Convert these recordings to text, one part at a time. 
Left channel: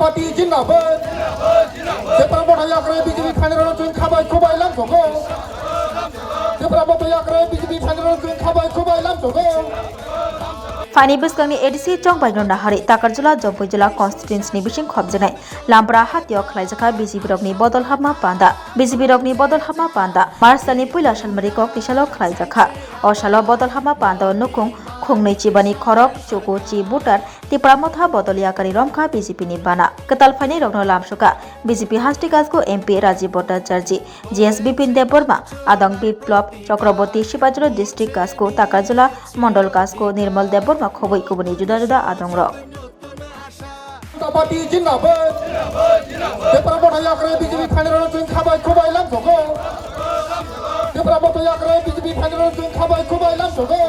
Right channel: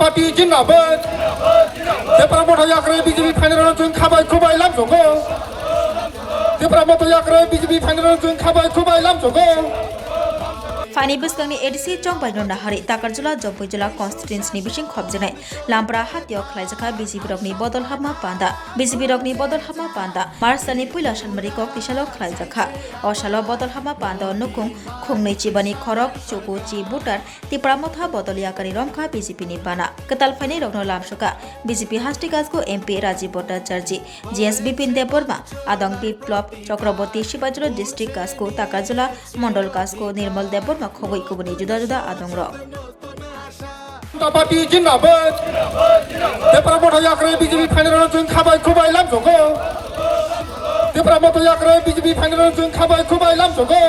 Party जिंदाबाद zebra मथायाखै BJP final जों खाबाय खुबाय लामजोंगो जेब्रा मथायाखै बिजेपि फाइनेल जों खाबाय खुबाय लामजोंगो Fani Buskangi ADC Chongbai no Nahari Takarjula Jompojula constituency ni bising khobjenai Lampra Hatio Khlaijaka BJP rokni bodol hama panda BJP rokni bodol hama panda Marsani Puila Shalmari kok tisalo khlaijaka o salo bodol hama panda nukung khungnei chibani khorok choko chi butar tipramotha bodoliakari romkha BJP ni bana Ketal Fani rokno lamsuka BJP Hastikasko MP Rajiv Bhattacharya GSB Pinde Burma Adang Biplop Chakraborty Shibajro district kasko Takarjula Mondol kasko Nirmal Debor খবই কবনি জুদা জুদা আদংর party জিন্দাবাদ যেব্রা মথায়াখै BJP final जों খাবাय खुबाय लामजोंगो যেব্রা মথায়াখै BJP final जों খাবাय खुबाय लामजोंगो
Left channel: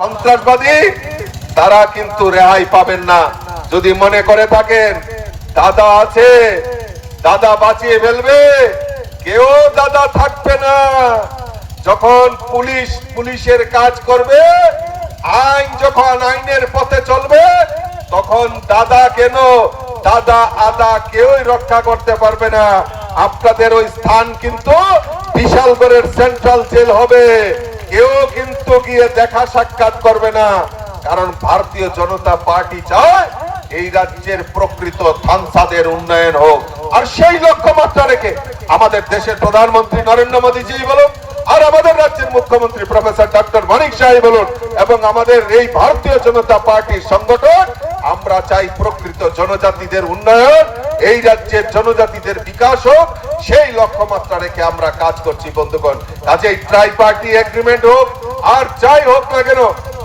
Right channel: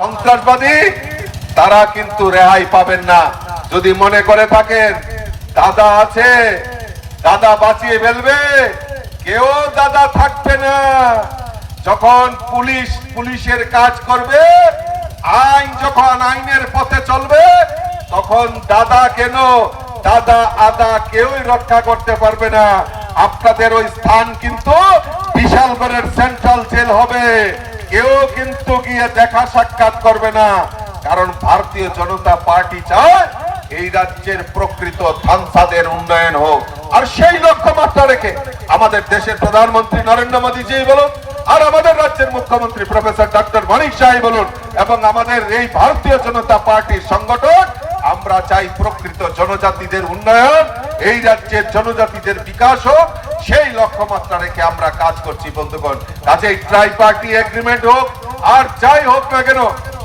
সন্ত্রাসবাদী তারা কিন্তু রেহাই পাবেন না যদি মনে করে থাকেন দাদা আছে দাদা বাঁচিয়ে ফেলবে কেউ দাদা থাকবে না যখন পুলিশের কাজ করবে আইন যখন আইনের পথে চলবে তখন দাদা কেন দাদা আদা কেউই রক্ষা করতে পারবে না আপনাদের ওই স্থান কিন্তু বিশালগড়ের সেন্ট্রাল জেল হবে কেউ কিন্তু গিয়ে দেখা সাক্ষাৎ করবে না কারণ ভারতীয় জনতা পার্টি চায় এই রাজ্যের প্রকৃত ধানসাদের উন্নয়ন হোক আর সেই লক্ষ্যমাত্রা রেখে আমাদের দেশের প্রধানমন্ত্রী নরেন্দ্র মোদীজি বলুন আর আমাদের রাজ্যের মুখ্যমন্ত্রী প্রফেসর ডক্টর মানিক সাহা বলুন এবং আমাদের এই ভারতীয় জনতা পার্টির সংগঠন আমরা চাই প্রকৃত জনজাতিদের উন্নয়ন এই রাজ্যের জনজাতিদের বিকাশ হোক সেই লক্ষ্যমাত্রা রেখে আমরা কাজ করছি বন্ধুগণ কাজেই ট্রাই পার্টি এগ্রিমেন্ট হোক আর যাই হোক না কেন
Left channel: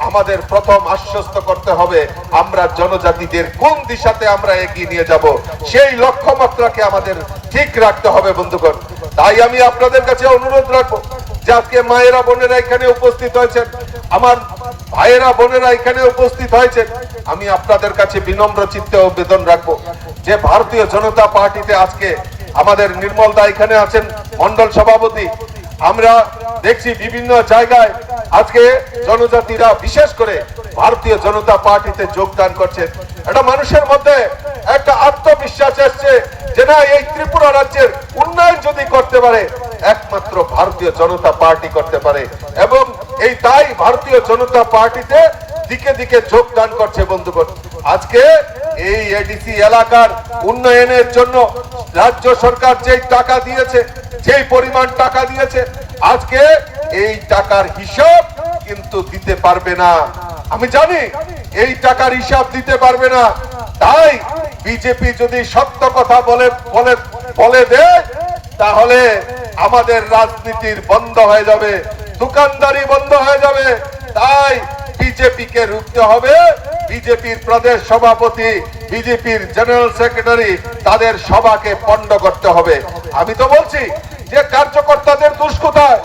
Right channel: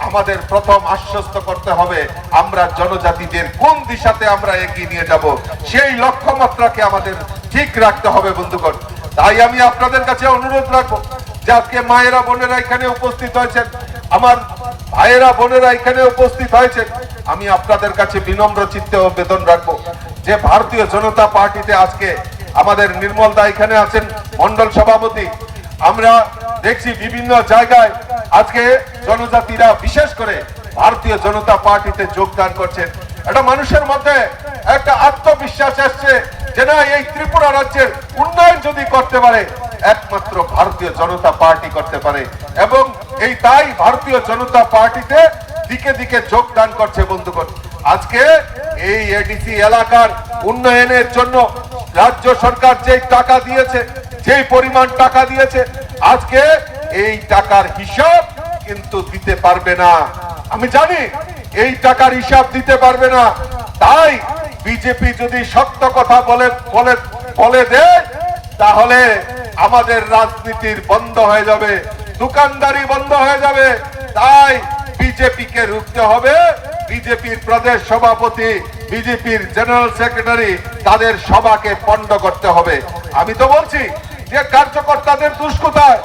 আমাদের প্রথম আশ্বস্ত করতে হবে আমরা জনজাতিদের কোন দিশাতে আমরা এগিয়ে নিয়ে যাব সেই লক্ষ্যমাত্রাকে আমাদের ঠিক রাখতে হবে বন্ধুগণ তাই আমি আপনাদের কাছে অনুরোধ রাখবো যে আজকে মায়েরা বোনেরা এখানে উপস্থিত হয়েছেন আমার ভাইয়েরা বোনেরা এখানে উপস্থিত হয়েছেন আমি আপনাদের কাছে বিনম্র চিত্তে আবেদন রাখবো যে ভারতীয় জনতা পার্টিতে আজকে আমাদের নির্মল দা এখানে আছেন মন্ডল সভাপতি আমরা দেখছি বিভিন্ন জায়গায় আজকে জনজাতিরা বিশেষ করে ভারতীয় জনতা পার্টিতে যোগদান করছেন এটা মানুষের মধ্যে একটা আত্মবিশ্বাস আসছে যে না এই ত্রিপুরা রাজ্যের উন্নয়ন যদি করতে পারে একমাত্র ভারতীয় জনতা পার্টি করতে পারে এবং এই তাই ভারতীয় জনতা পার্টিতে দিকে দিকে যোগদান করছে বন্ধুগণ আজকে এই এডিসি এলাকার উন্নয়নের জন্য রাজ্য সরকার যেই টাকা দিয়েছে যেই পরিমাণ টাকা দিয়েছে আজকে এই টাকার হিসাব কিন্তু দিতে পারবে না আমি জানি এই টাকার হিসাব দিতে পারবে না তাই বিজেপি যদি সত্য কথা বলে দেয় তাহলে আমাদের রাজনীতির বন্ধ হয়ে যাবে দোকানদারি বন্ধ হয়ে যাবে তাই বিজেপিকে রুখতে হবে বিজেপির প্রদেশ সভাপতি বিজেপির জেনারেল সেক্রেটারি তাদের সভাকে পণ্ড করতে হবে আমি তো বলছি যে কার্যকর্তাদের দোষ কোথায়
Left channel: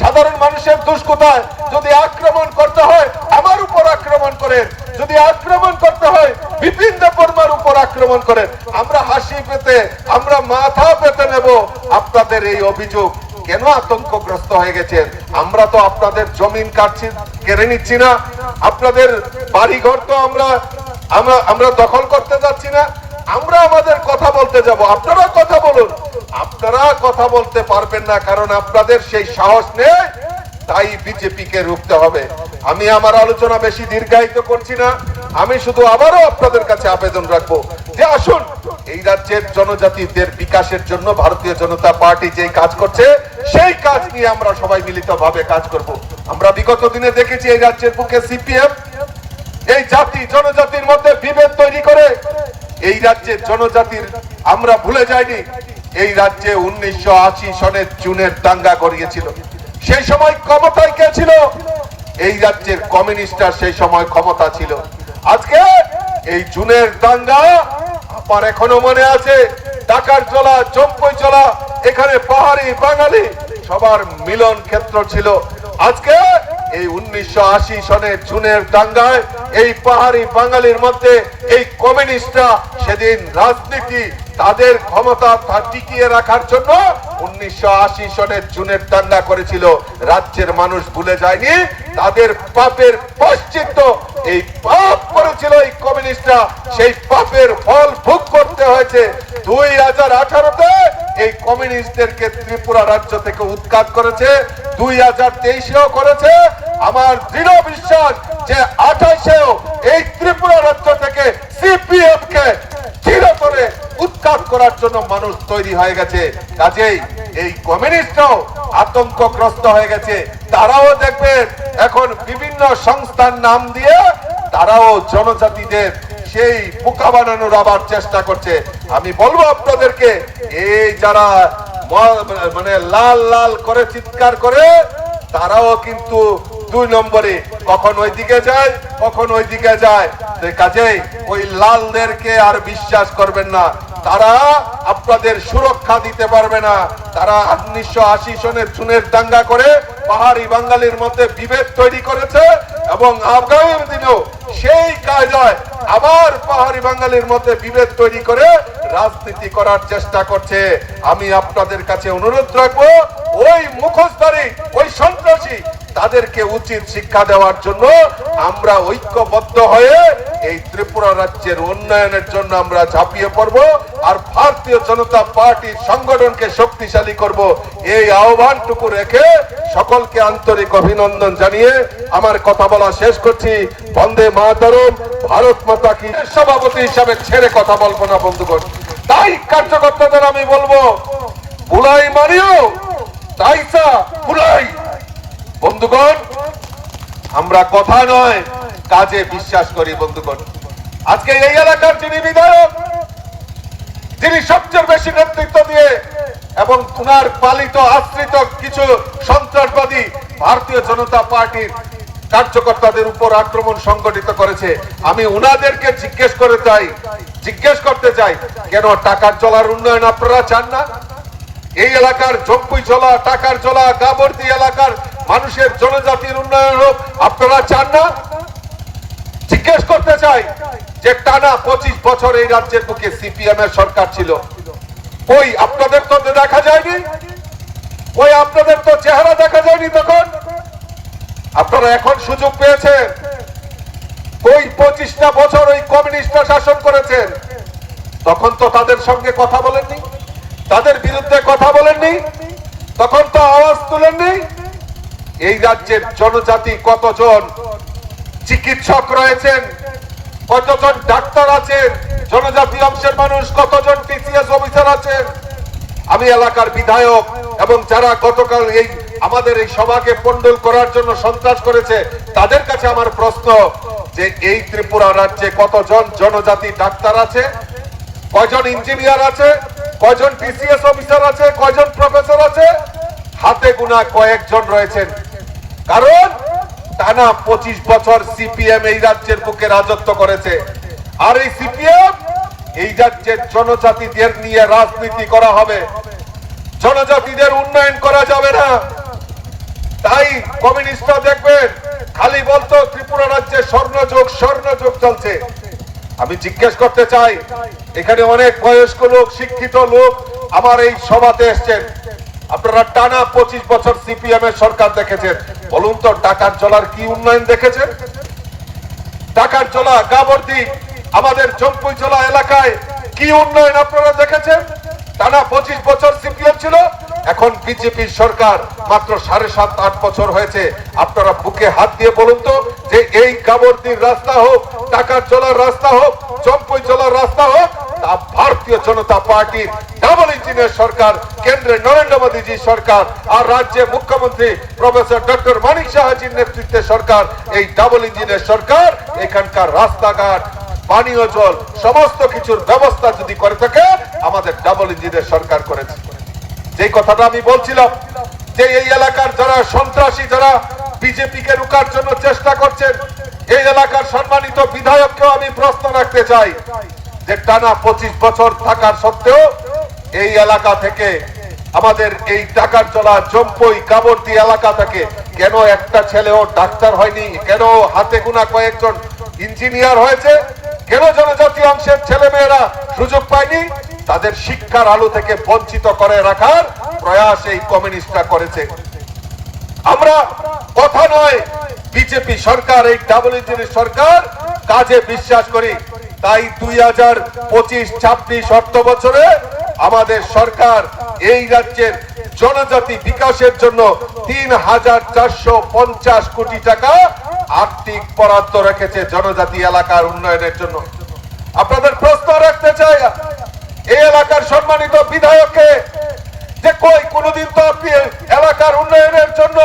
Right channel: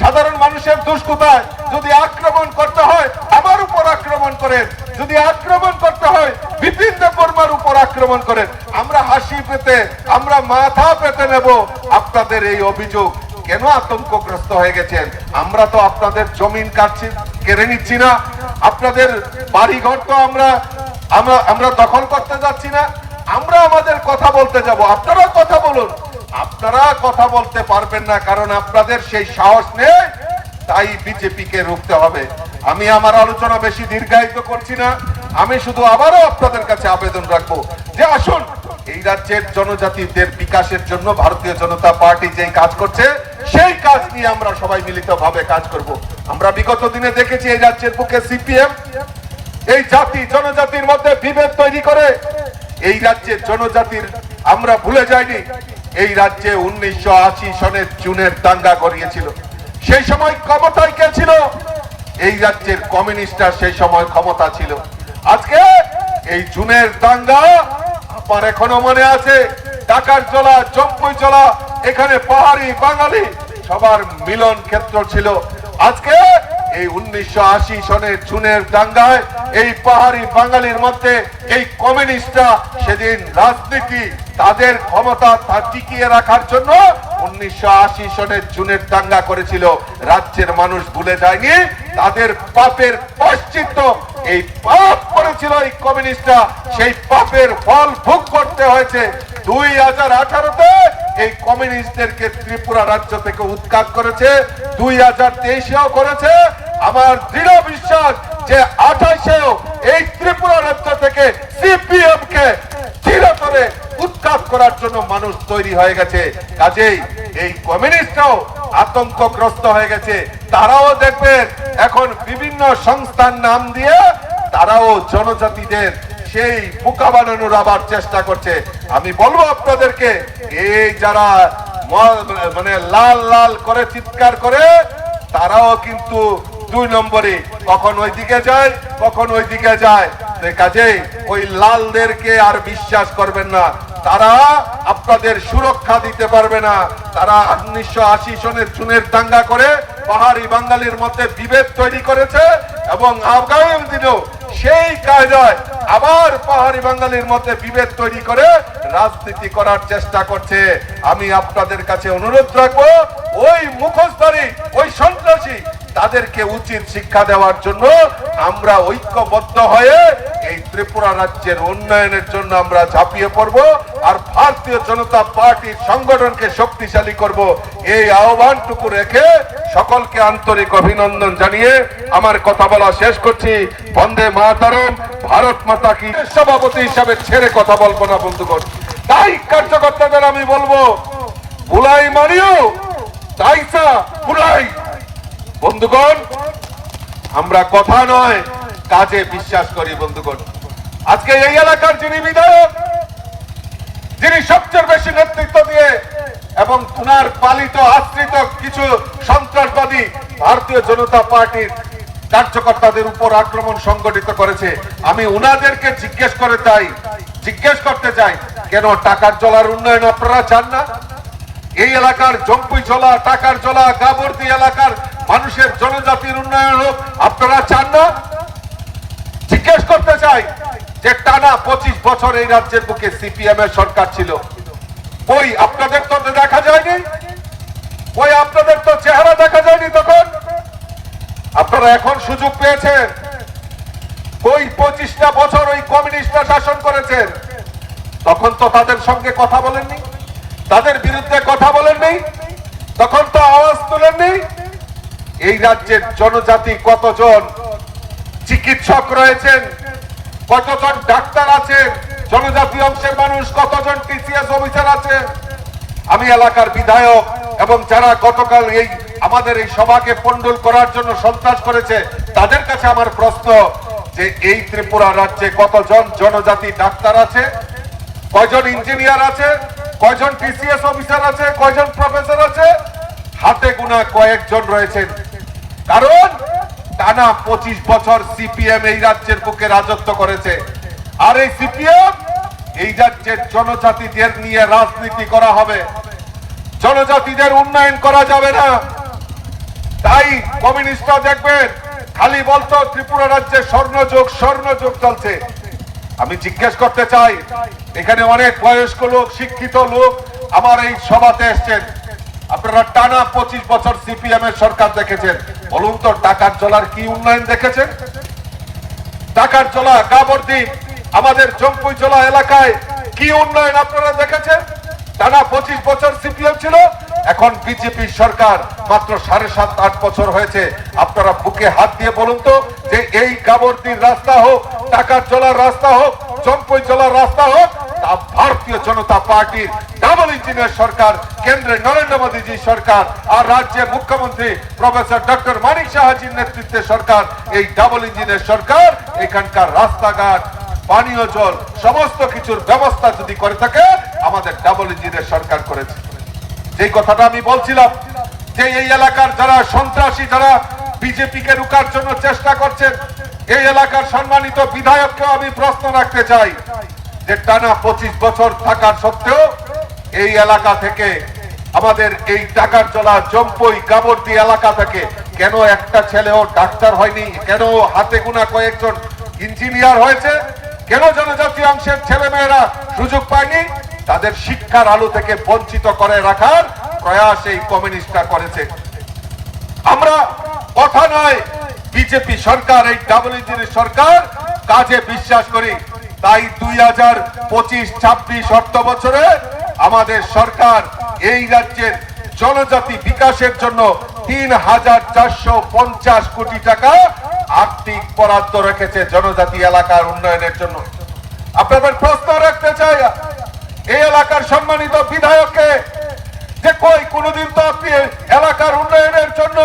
সাধারণ মানুষের দোষ কোথায় যদি আক্রমণ করতে হয় আমার উপর আক্রমণ করেন যদি আক্রমণ করতে হয় বিপিন দেববর্মার উপর আক্রমণ করেন আমরা হাসি পেতে আমরা মাথা পেতে নেব আপনাদের এই অভিযোগ কেন আতঙ্কগ্রস্ত হয়ে গেছেন আমরা তো আপনাদের জমিন কেড়ে নিচ্ছি না আপনাদের বাড়িঘর তো আমরা দখল করতে যাচ্ছি না আমরা আমাদের কথা বলতে যাব আপনারা কথা বলুন আপনারা কথা বলতে পারবেন না কারণ আপনাদের সেই সাহস নেই তাই বিজেপিকে রুখতে হবে আমি আমার আলোচনা বেশি দীর্ঘায়িত করছি না আমি শুধু আবারও আপনাদের কাছে আবেদন রাখবো যে আসুন এই রাজ্যের জনজাতিদের বিকাশের জন্য ভারতীয় জনতা পার্টি যেই কাজ করছে সেই কাজ নিয়ে আমরা সবাই মিলিতভাবে কাজ করব আমরা বিগত দিনে দেখেছি এই রাজ্যের বুকে সিপিএম এই জাতি জনজাতির মধ্যে বিভেদ তৈরি করে এই রাজ্যের জনজাতির আমরা ভুলে যাইনি এই রাজ্যে 1980 সনের জুনের দাঙ্গা করিয়েছিল সেই সময় ক্ষমতায় কে ছিল এই রাজ্যের কমিউনিস্টরা সেই সময় ক্ষমতা ছিল আজকে এই জুনের দাঙ্গা আমার এখনো মনে আছে টাকার জলা জম্পই জলা এখানে পাহাড়ি বাঙালি সবার মিলন ক্ষেত্র ছিল আজকে এই 1980 সনের জুনের দাঙ্গায় এই পাহাড়ি বাঙালির মধ্যে এই কমিউনিস্টরা সেদিন রাজনীতি তাদের ক্ষমতা টিকিয়ে রাখার জন্য 1980 সনের জুনের দাঙ্গা করেছিল। রাজ্যের মানুষ ভুলে যায়নি, তাদের পাপের প্রায়শ্চিত্ত এই পাপ করেছিল এই কমিউনিস্টরা, সেই পাপের ফল ভোগ করতে হয়েছে। 2018-তে এই কমিউনিস্টদেরকে ত্রিপুরা রাজ্য থেকে উৎখাত করেছে, 2023-এও করেছে। আমার দৃঢ় বিশ্বাস যে 28-এও এই ত্রিপুরা রাজ্য থেকে সিপিএম কে চিরতরে উৎখাত করার জন্য মানুষ তৈরি হয়ে গেছে। কাজেই এই কমিউনিস্টরাও আতঙ্কগ্রস্ত হয়ে গেছে। তারাও দেখবেন এখন বিভিন্ন সংস্থার নাম দিয়ে তারাও জনজাতিদের সেই বোকা বানানোর আবার চেষ্টা করছে। আমি বলবো আপনাদেরকে, এই যারা মানে লাল লাল করে চিৎকার করে, তারাও কিন্তু 2 নম্বরে কখন ওইদিকে যায় কখন ওইদিকে যায়। কাজেই ওই লালদেরকে আর বিশ্বাস করবেন না, তারা আপনাদের সুরক্ষা দিতে পারবে না। তারা 1980 সনের জুনের দাঙ্গা করে পাহাড়ি বাঙালির মধ্যে বিভেদ তৈরি করেছে এবং আগামী দিনেও সেই কায়দায় আবার পাহাড়ি বাঙালির মধ্যে বিভেদ তৈরি করে রাজনীতি করার চেষ্টা করছে। আমি আপনাদের কাছে অনুরোধ রাখবো, ওই মুখোশধারী ওই সন্ত্রাসী তাদেরকে উচিত শিক্ষা দেওয়ার জন্য আমরা ঐক্যবদ্ধ হয়ে এই ত্রিপুরা রাজ্যের উন্নয়নের জন্য আমরা ঝাঁপিয়ে পড়ব আর ভারতীয় জনতা পার্টির সংগঠনকে শক্তিশালী করব। এই আহ্বানটুকু রেখে সকলকে আন্তরিক অভিনন্দন জানিয়ে আমার কথা বলা শেষ করছি। বন্দে মাতরম, ভারত মাতা কি। সভাপতি হিসাবে ছেড়ে কথা বলবো না বন্ধুগণ। তাই কার্যকর্তাদের আমি বলবো, বুলাই মারিও তাইসা বুলাই। বন্ধুগণ, আমরা কথা নয় কাজে বিশ্বাস করি। বন্ধুগণ, আজকে এই এলাকার যিনি বিধায়ক, যিনি সবচেয়ে বেশি নেতৃত্ব দিয়ে এবং উনার পালিত আশ্রিত কিছু সন্ত্রাসবাদী ভারতীয় জনতা পার্টির কার্যকর্তাদের উপর আক্রমণ সংগঠিত করেছে, আমি উনাদেরকে জিজ্ঞেস করতে চাই, কেন টাকার জলার উন্নয়ন আপনারা চান না? এই এলাকার জম্পুই জলা, টাকার জলা, গাবর্দি এলাকার মানুষের জনজাতির উন্নয়ন হোক আপনারা চান না? জিজ্ঞেস করতে চাই যে টানা 25 বছর এই রাজ্যের বুকে সিপিএম এর সরকার ছিল, ওই আপনাদের তো দেখা যায়নি, ওই আপনাদের তো চেহারা দেখা যায়নি তখন। আপনারা এখন সুযোগ পেয়েছেন, ওই 25টা বছর ওই কমিউনিস্টরা শাসন করেছেন, তখন তো তাদের সঙ্গে কথা বলেননি, তাদের বিরুদ্ধে কথা বলেননি, তখন তো আওয়াজ তুলেননি। এই রাজ্যের জনজাতি কতজন চিকিৎসক রয়েছেন, কতজন ডাক্তার আছেন, জনজাতি অংশের মানুষ কতজন টিসিএস অফিসার আছেন। আমি এলাকার বিধায়ক এবং যারা গতকাল এই আমাদের এই সভাকে পন্ডল করার জন্য সন্ত্রাস করেছে, তাদের কাছে আমার প্রশ্ন যে এই ত্রিপুরা রাজ্যে কতজন জনজাতি ডাক্তার আছে, কয়জন ইঞ্জিনিয়ার আছে, কয়জন টিসিএস অফিসার আছে, কয়জন প্রফেসর আছে? হাতে গোনা কয়েকজন রয়েছেন। কারণ টানা 25 বছর সিপিএম এই রাজ্যের বুকে রাজত্ব করেছে, আর এই সিপিএম এই রাজ্যের জনজাতিদের নিয়ে রাজনীতি করা হবে, জনজাতিদের উন্নয়ন করা যাবে না। তাই কমিউনিস্টরা দেখবেন খালি বলতো ত্রিপুরা রাজ্যে স্বর্ণযুগ চলছে। আমি জিজ্ঞেস করতে চাই, এখানে অনেক বয়স্ক লোক, শিক্ষিত লোক আমার এই সভাতে এসছেন, আপনারা টানা 25 বছর সিপিএম এর সরকার দেখেছেন, বলুন তো টাকার জলার কি উন্নয়ন দেখেছেন? টাকার জলা, গাবর্দি, আমাদের জম্পুই জলা এলাকায় কি উন্নয়ন আপনারা দেখেছেন? টানা 25 বছর সিপিএম ছিল, এখন বিজেপি সরকার মাত্র 7.5-8 বছর হয়েছে। আপনারা বুকে হাত দিয়ে বলুন তো যে এই গাবর্দির রাস্তা হোক, টাকার জলার রাস্তা হোক, জম্পুই জলার রাস্তা হোক, তা ভারতীয় জনতা পার্টির ডাবল ইঞ্জিনের সরকার, কেন্দ্রে নরেন্দ্র মোদীজি সরকার আর রাজ্যে মুখ্যমন্ত্রী প্রফেসর ডক্টর মানিক সাহাজির নেতৃত্বে সরকার, এই ডাবল ইঞ্জিনের সরকার এখানকার রাস্তাঘাট, পানীয় জল সমস্ত কিছুর ব্যবস্থা যদি করে থাকে আমাদের ডাবল ইঞ্জিনের সরকার করেছে। যে কথাটা আমি বলছিলাম যে এই এলাকার যারা সন্ত্রাসী, যারা বিজেপি কে রুখার জন্য চেষ্টা করছেন, এই এলাকার সম্মানিত বিধায়ককেও আমি প্রশ্ন রাখতে চাই যে টানা 25 বছর থাকার সত্ত্বেও এই এলাকা থেকে, আমাদের এই টাকার জলা, জম্পুই, গাবর্দি এলাকা থেকে কেন একটা ছেলেও ডাক্তার হয়নি? কেন হাতে গোনা কয়েকজন ইঞ্জিনিয়ার হয়েছে? কেন জনজাতি অংশের ছেলে মেয়েরা সুযোগ পায়নি? তাদের শিক্ষার আলো থেকে বঞ্চিত করে রাখার প্রয়াস এই কমিউনিস্টরা করেছে। আমরা কথা নয়, বিজেপি সরকার, এই ডাবল ইঞ্জিনের সরকার কাজে বিশ্বাস করি। তাই 2025-26 অর্থ বছরে আমাদের সরকার এই রাজ্যের জনজাতি বিকাশের জন্য 3,450 কোটি টাকা আর্থিক বরাদ্দ রেখেছে জনজাতি এলাকার উন্নয়নের জন্য। আপনাদের প্রশ্ন রাখতে চাই, এই এলাকার সম্মানিত বিধায়ককে, যে কই কোনদিন তো আপনি এলাকার উন্নয়নের জন্য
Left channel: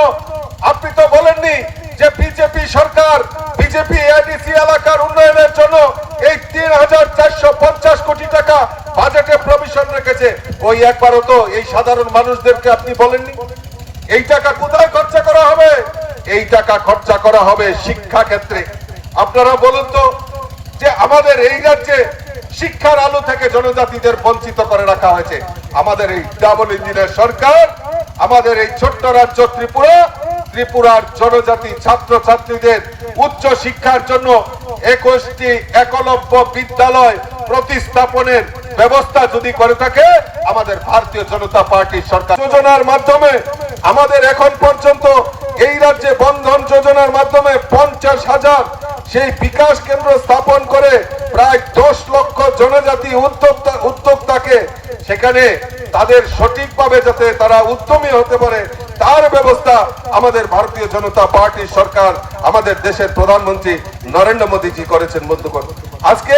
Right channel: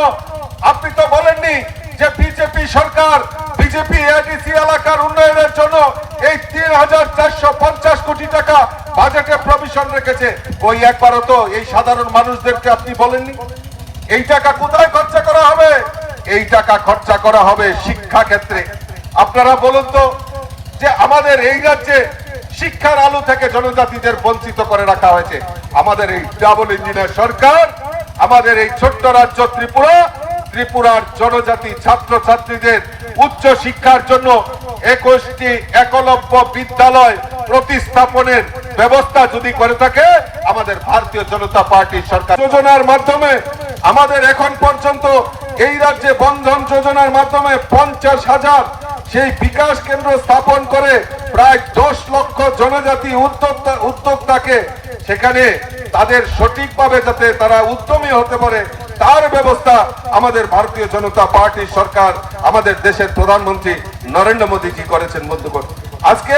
আপনি তো বলেননি যে বিজেপি সরকার, বিজেপি এডিসি এলাকার উন্নয়নের জন্য এই 3,450 কোটি টাকা বাজেটে প্রভিশন রেখেছে। ওই একবারও তো এই সাধারণ মানুষদেরকে আপনি বলেননি। এই টাকা কোথায় খরচা করা হবে? এই টাকা খরচা করা হবে শিক্ষা ক্ষেত্রে। আপনারা বলুন তো, যে আমাদের এই রাজ্যে শিক্ষার আলো থেকে জনজাতিদের বঞ্চিত করে রাখা হয়েছে। আমাদের এই ডাবল ইঞ্জিনের সরকার আমাদের এই ছোট্ট রাজ্য ত্রিপুরার জনজাতি ছাত্র ছাত্রীদের উচ্চ শিক্ষার জন্য 21টি একলব্য বিদ্যালয় প্রতিস্থাপনের ব্যবস্থা যদি করে থাকে আমাদের ভারতীয় জনতা পার্টির সরকার। যোজনার মাধ্যমে আমাদের এখন পর্যন্ত এই রাজ্যে বন্ধন যোজনার মাধ্যমে 50,000 সেই বিকাশ কেন্দ্র স্থাপন করে প্রায় 10 লক্ষ জনজাতি উদ্যোক্তাকে সেখানে তাদের সঠিকভাবে যাতে তারা উদ্যমী হতে পারে তার ব্যবস্থা আমাদের ভারতীয় জনতা পার্টির সরকার, আমাদের দেশের প্রধানমন্ত্রী নরেন্দ্র মোদীজি করেছেন। বন্ধুগণ, আজকে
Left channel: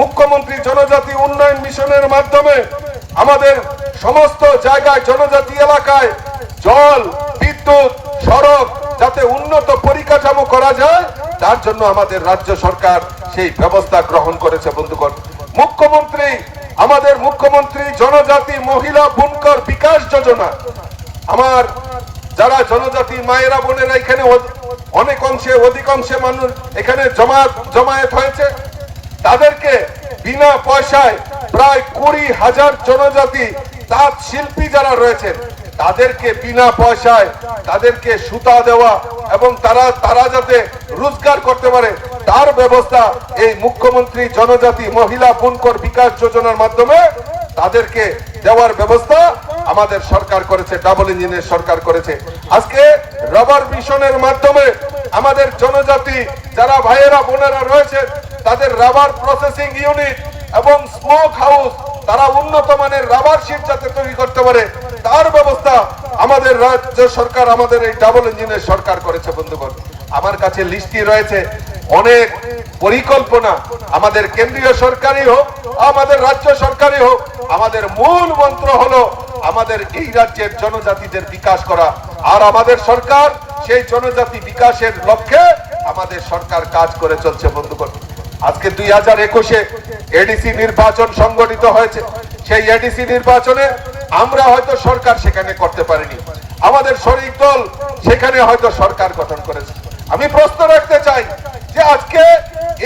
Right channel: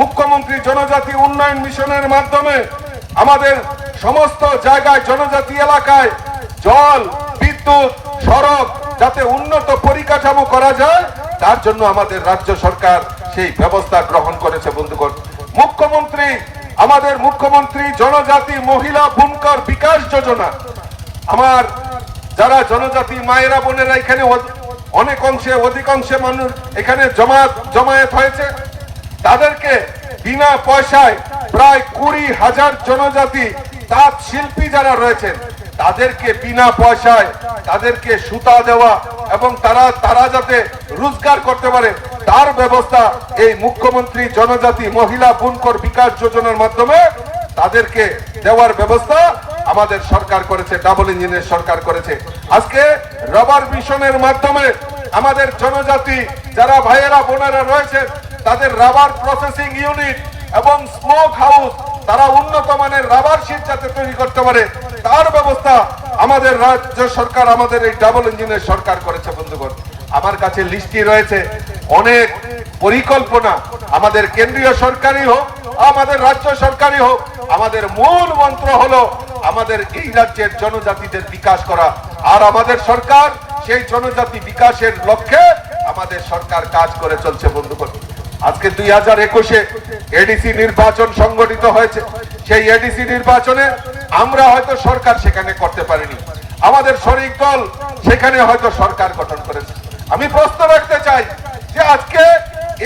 মুখ্যমন্ত্রী জনজাতি উন্নয়ন মিশনের মাধ্যমে আমাদের সমস্ত জায়গায় জনজাতি এলাকায় জল, বিদ্যুৎ, সড়ক যাতে উন্নত পরিকাঠামো করা যায় তার জন্য আমাদের রাজ্য সরকার সেই ব্যবস্থা গ্রহণ করেছে। বন্ধুগণ, আমাদের মুখ্যমন্ত্রী জনজাতি মহিলা বুনকর বিকাশ যোজনা, আমার যারা জনজাতি মায়েরা বোনেরা এখানে অনেক অংশে অধিকাংশে মানুষ এখানে জমায়েত হয়েছে, তাদেরকে বিনা পয়সায় প্রায় 20,000 জনজাতি তাঁত শিল্পী যারা রয়েছেন তাদেরকে বিনা পয়সায় তাদেরকে সুতা দেওয়া এবং তারা যাতে রোজগার করতে পারে তার ব্যবস্থা এই মুখ্যমন্ত্রী জনজাতি মহিলা বুনকর বিকাশ যোজনার মাধ্যমে তাদেরকে দেওয়ার ব্যবস্থা আমাদের সরকার করেছে, ডাবল ইঞ্জিনের সরকার করেছে। আজকে রাবার মিশনের মাধ্যমে আমাদের জনজাতি যারা ভাইয়েরা বোনেরা রয়েছে তাদের রাবার প্রসেসিং ইউনিট এবং স্মোক হাউস, তারা উন্নত মানের রাবার শিট যাতে তৈরি করতে পারে তার ব্যবস্থা আমাদের রাজ্য সরকার, আমাদের এই ডাবল ইঞ্জিনের সরকার করেছে। বন্ধুগণ, আমার কাছে লিস্টটি রয়েছে অনেক পরিকল্পনা, আমাদের কেন্দ্রীয় সরকারই হোক আমাদের রাজ্য সরকারই হোক, আমাদের মূল মন্ত্র হলো আমাদের এই রাজ্যের জনজাতিদের বিকাশ করা। আর আমাদের সরকার সেই জনজাতি বিকাশের লক্ষ্যে আমাদের সরকার কাজ করে চলছে। বন্ধুগণ, আজকে 2021-এ এডিসি নির্বাচন সংগঠিত হয়েছে। সেই এডিসি নির্বাচনে আমরা হয়তো সরকার সেখানে করতে পারিনি, আমাদের শরিক দল সেখানে হয়তো সরকার গঠন করেছে। আমি প্রশ্ন রাখতে চাই যে আজকে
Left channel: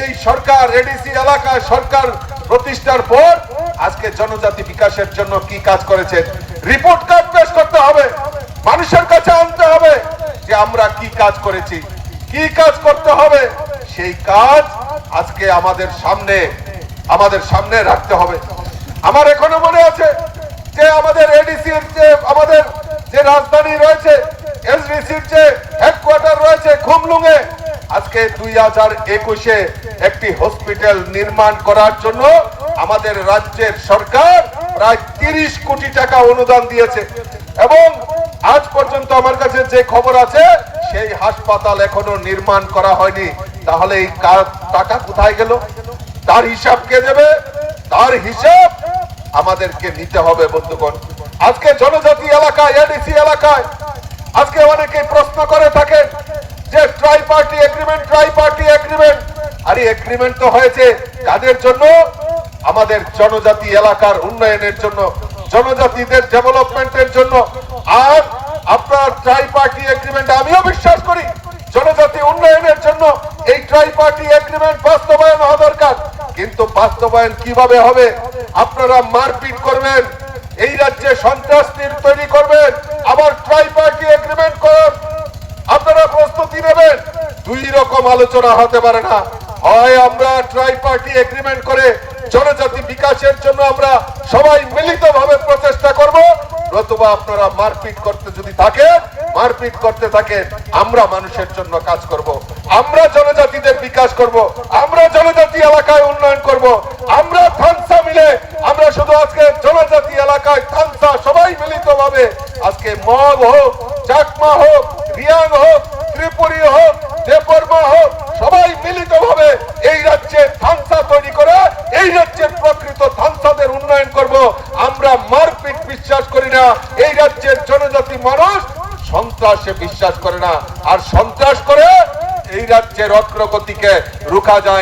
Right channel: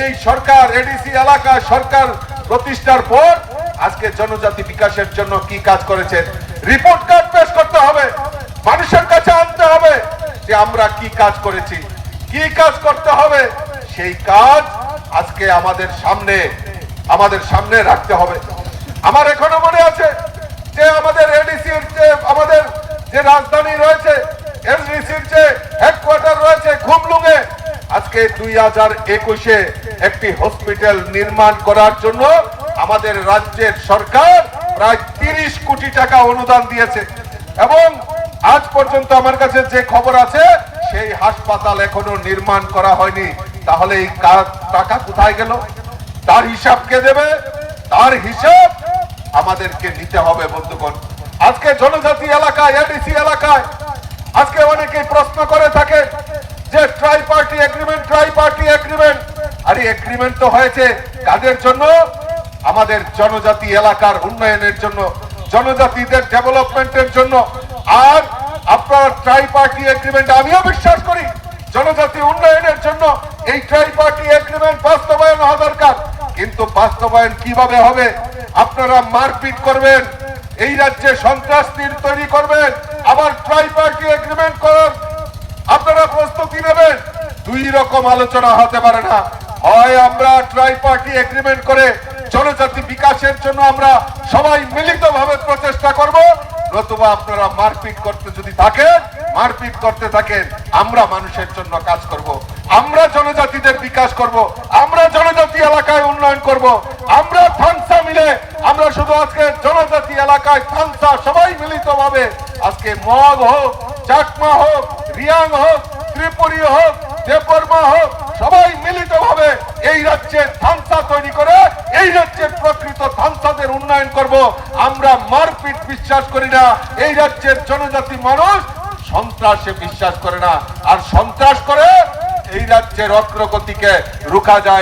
এই সরকার এডিসি এলাকায় সরকার প্রতিষ্ঠার পর আজকে জনজাতি বিকাশের জন্য কি কাজ করেছে রিপোর্ট কার্ড পেশ করতে হবে, মানুষের কাছে আনতে হবে যে আমরা কি কাজ করেছি, কি কাজ করতে হবে। সেই কাজ আজকে আমাদের সামনে রাখতে হবে। আমার এখনো মনে আছে যে আমাদের এডিসির আমাদের যে রাজধানী রয়েছে, এসডিসির যে হেডকোয়ার্টার রয়েছে খুমলুঙে, আজকে 2021-এ একটি হসপিটাল নির্মাণ করার জন্য আমাদের রাজ্যের সরকার প্রায় 30 কোটি টাকা অনুদান দিয়েছে এবং আজ পর্যন্ত আমার কাছে যে খবর আছে সেই হাসপাতাল এখনো নির্মাণ করা হয়নি। তাহলে এই টাকা কোথায় গেল? তার হিসাব কে দেবে? তার হিসাব আমাদেরকে নিতে হবে। বন্ধুগণ, আজকে জনজাতি এলাকায় এডিসি এলাকায় আজকে অনেকে প্রশ্ন করে থাকে যে ট্রাই পার্টি এগ্রিমেন্ট, আর এই এগ্রিমেন্ট তো হয়েছে কাদের জন্য? আমাদের জনজাতি এলাকার উন্নয়নের জন্য, জনজাতিদের ডেভেলপমেন্টের জন্য। আর আপনার ট্রাই পার্টি এগ্রিমেন্ট, আমিও বিশ্বাস করি জনজাতি উন্নয়নের জন্য এই ট্রাই পার্টি এগ্রিমেন্ট বাস্তবায়ন হওয়া দরকার, কিন্তু বাস্তবায়ন কিভাবে হবে? আপনারা মারপিট করবেন, এই রাজ্যে সন্ত্রাস তৈরি করবেন, আবার ট্রাই পার্টি এগ্রিমেন্ট করার আপনারা প্রস্তুতি নেবেন। দুই রকম আলোচনা হতে পারে না। হয় আমরা ট্রাই পার্টি এগ্রিমেন্ট করে জনজাতি বিকাশের জন্য আমরা সবাই মিলিতভাবে প্রচেষ্টা করব। নতুবা আপনারা মারপিট করতে যদি থাকেন, মারপিট করতে থাকেন, আমরা মানুষের জন্য কাজ করব, আমরা জনজাতিদের বিকাশ করব, আমরা জনজাতি এলাকায় উন্নয়ন করব, আমরা থানসা মিলে, আমরা শুধু আজকে জনজাতি এলাকায় থানসা সবাই মিলিতভাবে আজকে মগ হোক, চাকমা হোক, রিয়াং হোক, ত্রিপুরী হোক, দেববর্মা হোক, সবাই মিলিতভাবে এই রাজ্যের থানসা তৈরি করে এই রাজ্যের প্রকৃত থানসাদের উন্নয়ন করব। আমরা মারপিট বিশ্বাস করি না। এই রাজ্যের জনজাতি মানুষ সন্ত্রাসে বিশ্বাস করে না, আর সন্ত্রাস করে এই রাজ্যের অগ্রগতিকে রোকা যায়।